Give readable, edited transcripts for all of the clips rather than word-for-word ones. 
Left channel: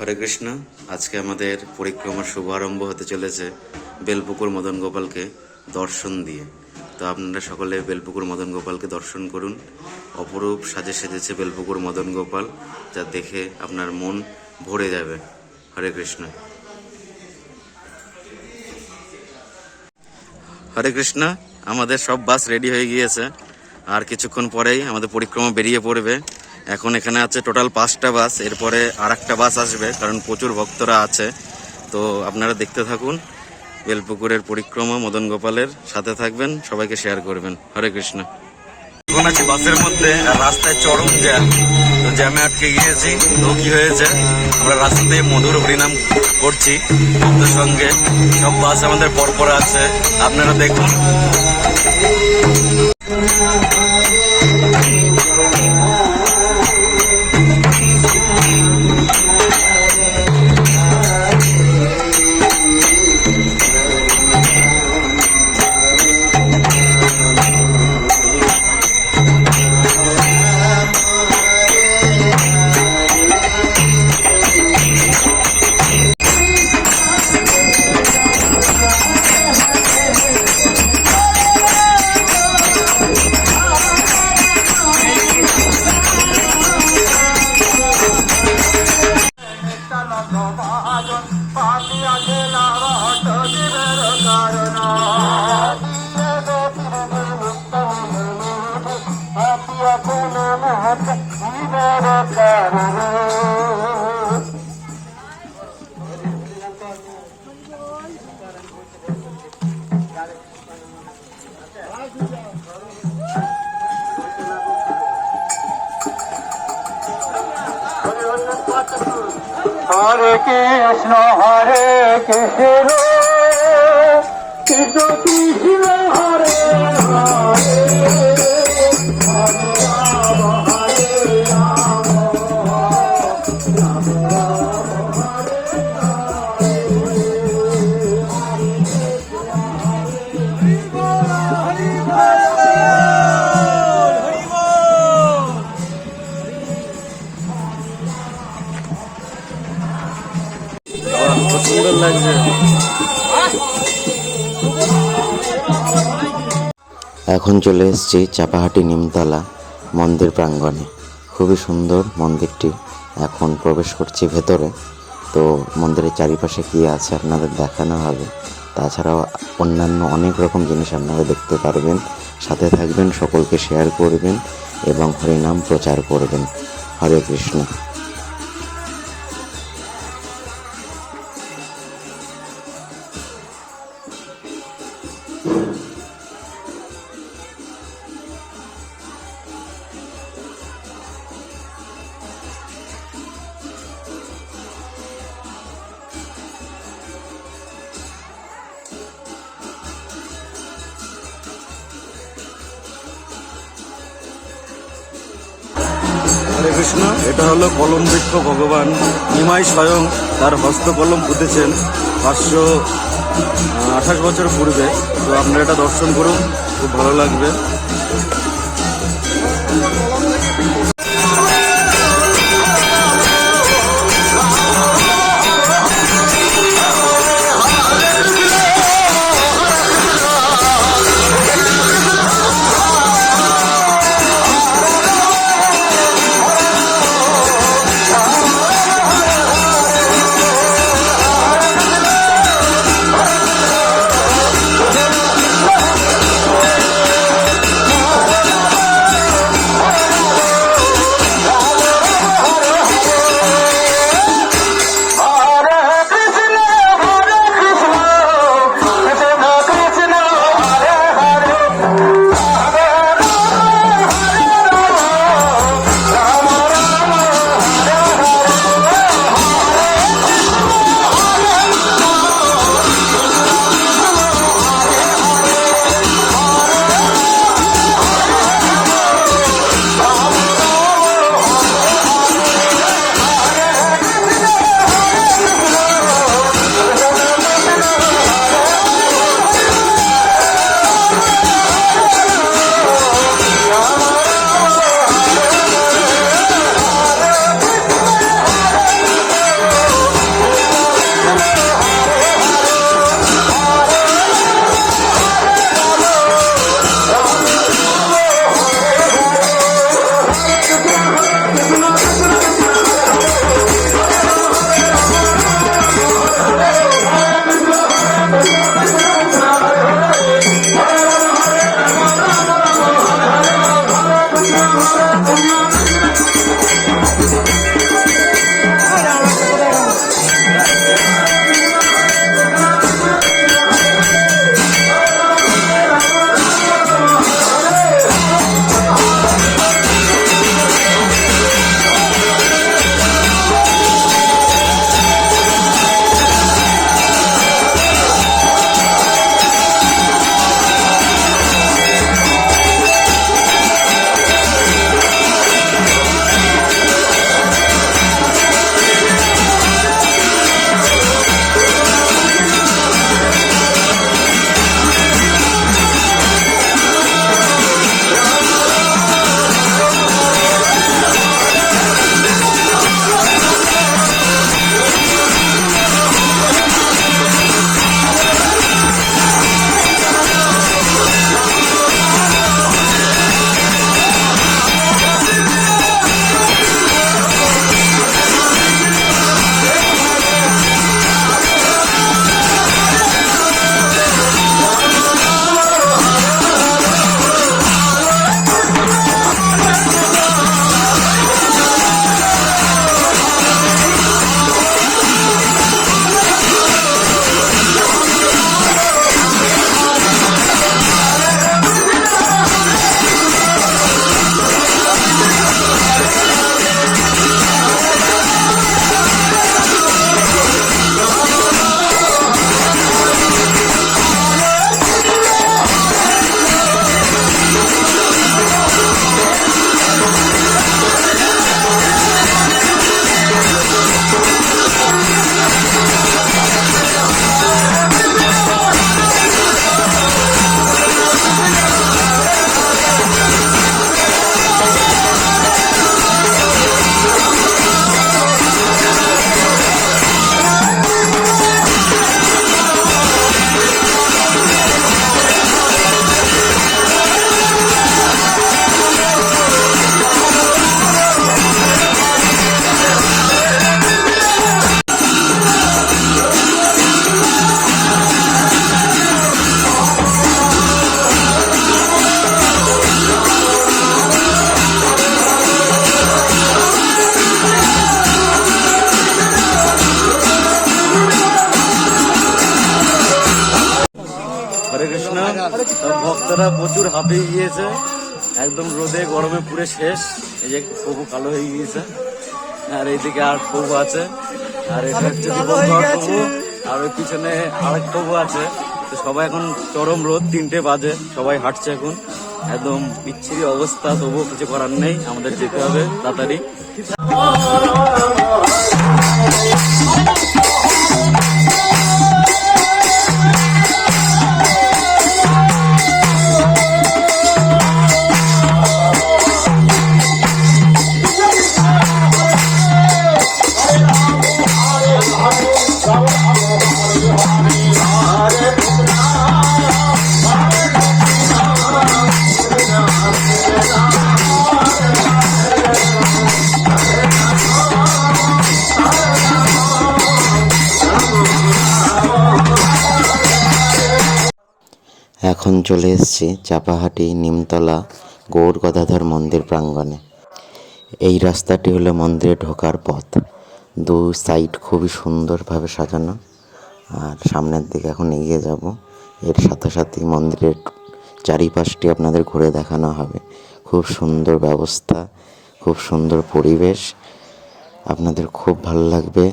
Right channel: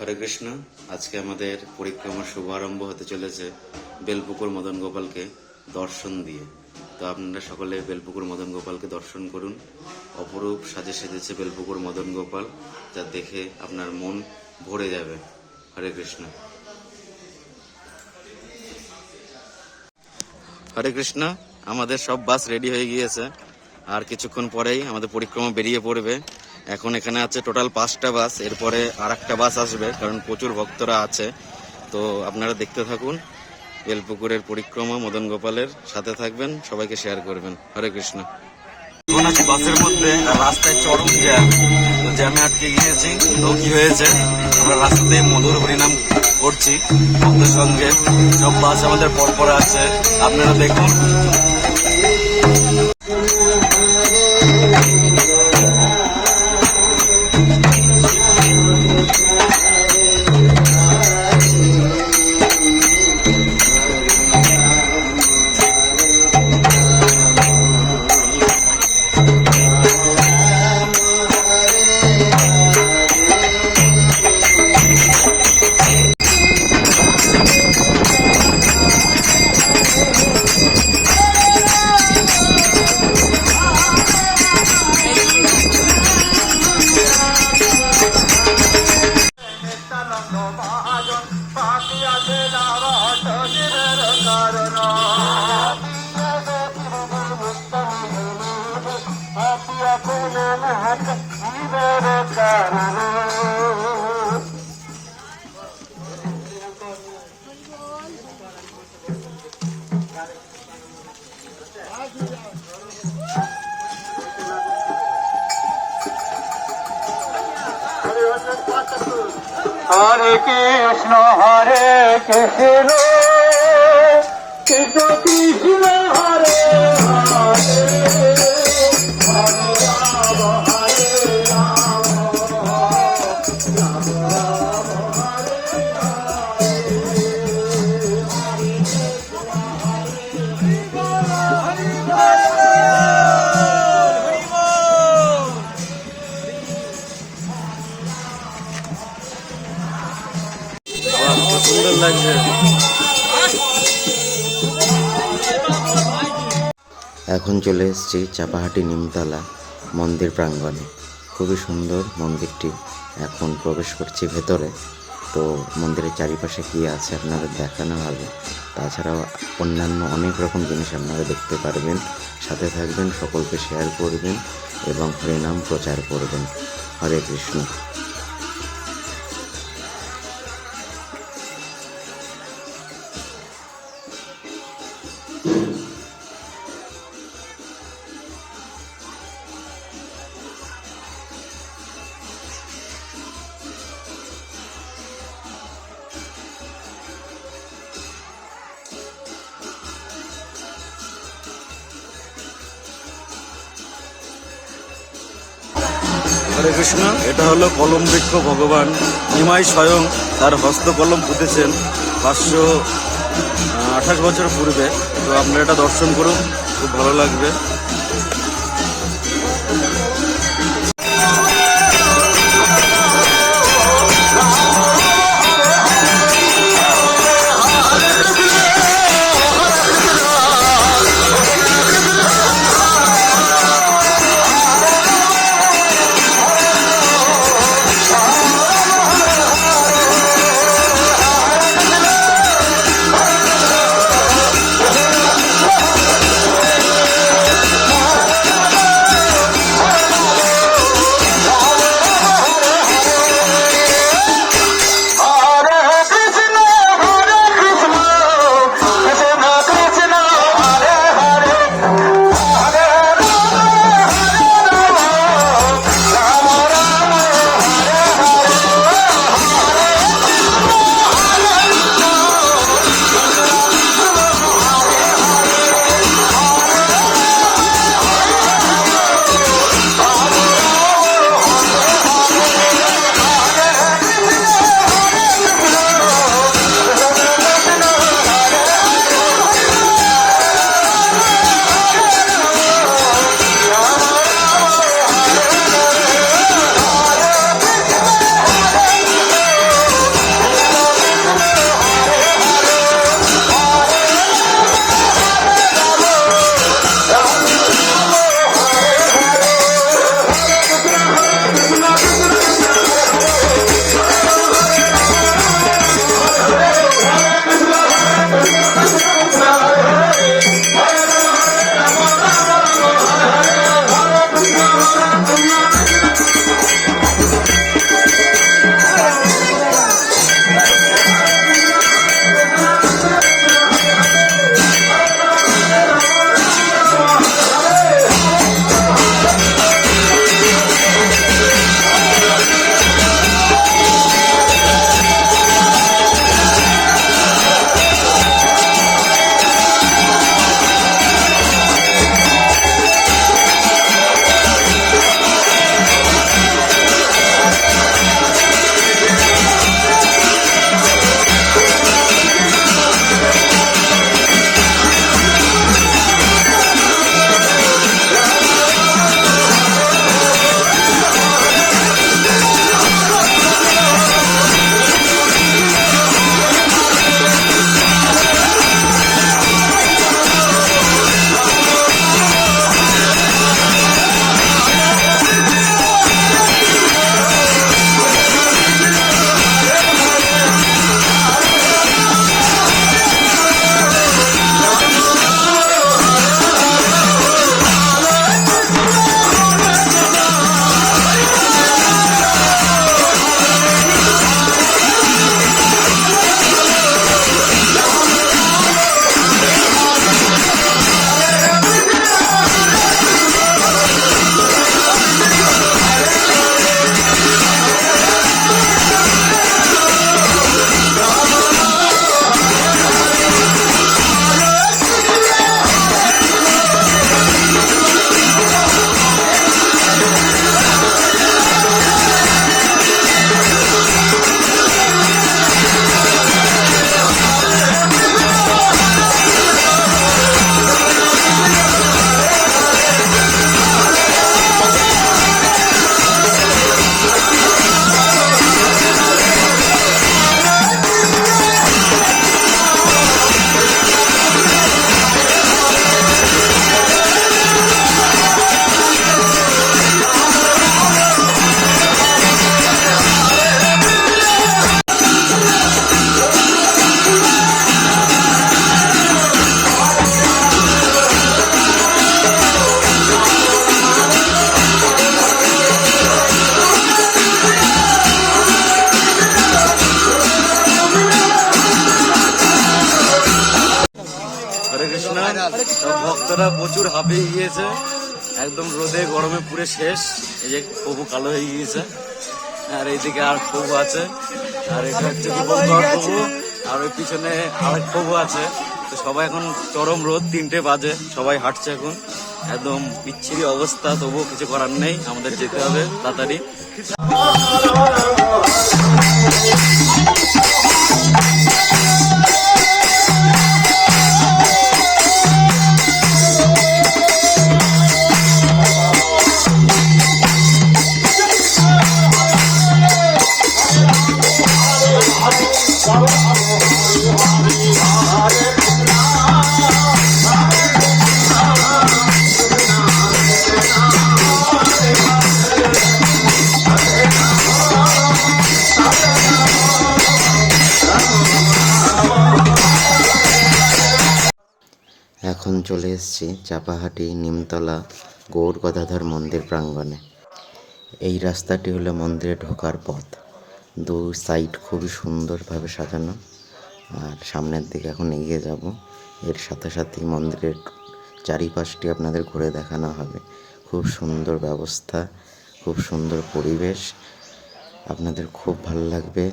হরে কৃষ্ণ। আজকে আমাদের পরিক্রমার শুভারম্ভ হতে চলেছে বেলপুকুর মদন গোপালকে দর্শন দিয়ে। তো আপনারা সকলে বেলপুকুর মদন গোপালকে দর্শন করুন। অপরূপ সাজে সেজেছে বেলপুকুর মদন গোপাল, যা দেখে আপনার মন ভরে যাবে। হরে কৃষ্ণ। হরে কৃষ্ণ। আমাদের সব বাস রেডি হয়ে গিয়েছে, আর কিছুক্ষণ পরেই আমাদের পরিক্রমা বেরিয়ে পড়বে। এখন এখানে আছে টোটাল 5টা বাস, এরপরে আর একটা বাস আসবে, কারণ প্রচুর ভক্তরা আছে। তো আপনারা দেখতে থাকুন বেলপুকুরের পরিক্রমা মদন গোপালের, সাথে থাকবেন, সবাইকে শেয়ার করবেন। হরে কৃষ্ণ। এখন আছি বাসের মধ্যে, আর রাস্তায় চরম জ্যাম। তো জ্যামে আটকে গিয়েছি। তো কি হয়েছে, আমরা রাস্তাতে মধুর হরিনাম করছি ভক্তের সঙ্গে। সব বাস আমাদের পরপর আছে, আপনারা দেখুন। হরে কৃষ্ণ কৃষ্ণ কৃষ্ণ হরে খুব সুন্দর লাগছে। এখন চলে এসেছি চাপাহাটি নিমতলা মন্দির প্রাঙ্গণে। খুবই সুন্দর মন্দিরটি। এখন প্রবেশ করছি ভেতরে। তো মন্দিরের চারিপাশে কি আছে আপনাদের দেখানো হবে। তাছাড়াও অন্যান্য অনেক রকম জিনিস আপনারা দেখতে পারবেন। সাথে থাকবেন, সকলকে শেয়ার করবেন এবং হরিনাম প্রচার করবেন। হরে কৃষ্ণ। হরে কৃষ্ণ। এটা হলো কলম বৃক্ষ। ভগবান নিমাই স্বয়ং তার হস্তকলম পুঁতেছেন 528 বছর পূর্বে। তো আপনারা এটা দর্শন করুন, খুব ভালো লাগবে। সব ভক্তরা প্রচুর হাঁপিয়ে গিয়েছে, একদম রোদে গরমে পুরে শেষ। এই যে প্রভু কালো হয়ে গিয়েছে, আর এইদিকে আর প্রভু আছে, আর এটা হচ্ছে দীপঙ্কর প্রভু, আর ওই পিছনে আরেক প্রভু আছে। তো সবাই এখন চরম রোদ, 3টে বাজে, সবাই হাঁটছে এখন, একদম বিচ্ছিরি অবস্থা। তবুও কিছু করার নেই, আমাদের যেতে হবে তাড়াতাড়ি। এখন চলে এসেছি চাপাহাটি নিমতলা গৌর গদাধর মন্দির প্রাঙ্গণে। এই রাস্তাটি হলো মন্দিরে ঢোকার পথ, দু সাইড খুবই সুন্দরভাবে সাজানো। আর সামনের দিকে এখন এগিয়ে যাব, এর সাথে সাথে মন্দিরের চারিপাশটি আপনাদের ঘুরে দেখানো হবে। খুব সুন্দর ব্যবস্থা, খুব সুন্দর পরিবেশ, আপনাদের খুব ভালো লাগবে।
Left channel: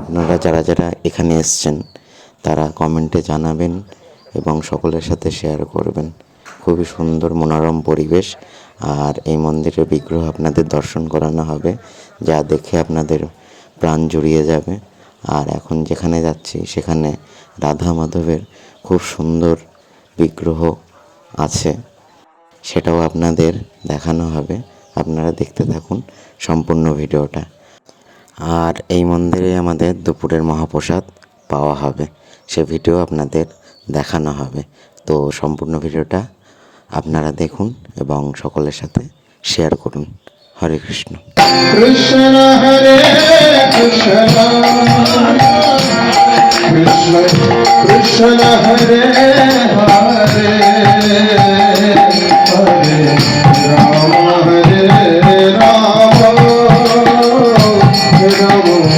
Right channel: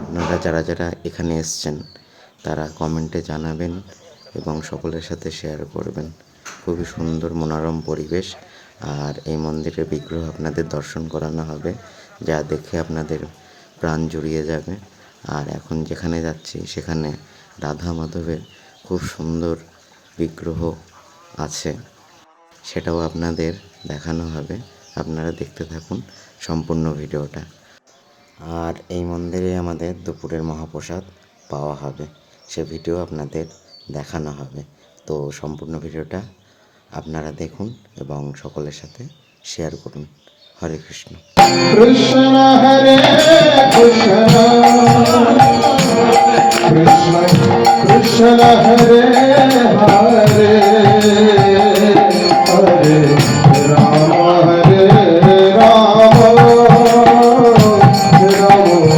আপনারা যারা যারা এখানে এসছেন তারা কমেন্টে জানাবেন এবং সকলের সাথে শেয়ার করবেন। খুবই সুন্দর মনোরম পরিবেশ, আর এই মন্দিরের বিগ্রহ আপনাদের দর্শন করানো হবে, যা দেখে আপনাদের প্রাণ জুড়িয়ে যাবে। আর এখন যেখানে যাচ্ছি সেখানে রাধা মাধবের খুব সুন্দর বিগ্রহ আছে, সেটাও আপনাদের দেখানো হবে। আপনারা দেখতে থাকুন সম্পূর্ণ ভিডিওটা। আর এই মন্দিরে আমাদের দুপুরের মহাপ্রসাদ পাওয়া হবে, সে ভিডিও আপনাদের দেখানো হবে। তো সম্পূর্ণ ভিডিওটা আপনারা দেখুন এবং সকলের সাথে শেয়ার করুন। হরে কৃষ্ণ। কৃষ্ণ হরে কৃষ্ণ কৃষ্ণ কৃষ্ণ হরে হরে হরে রাম হরে রাম রাম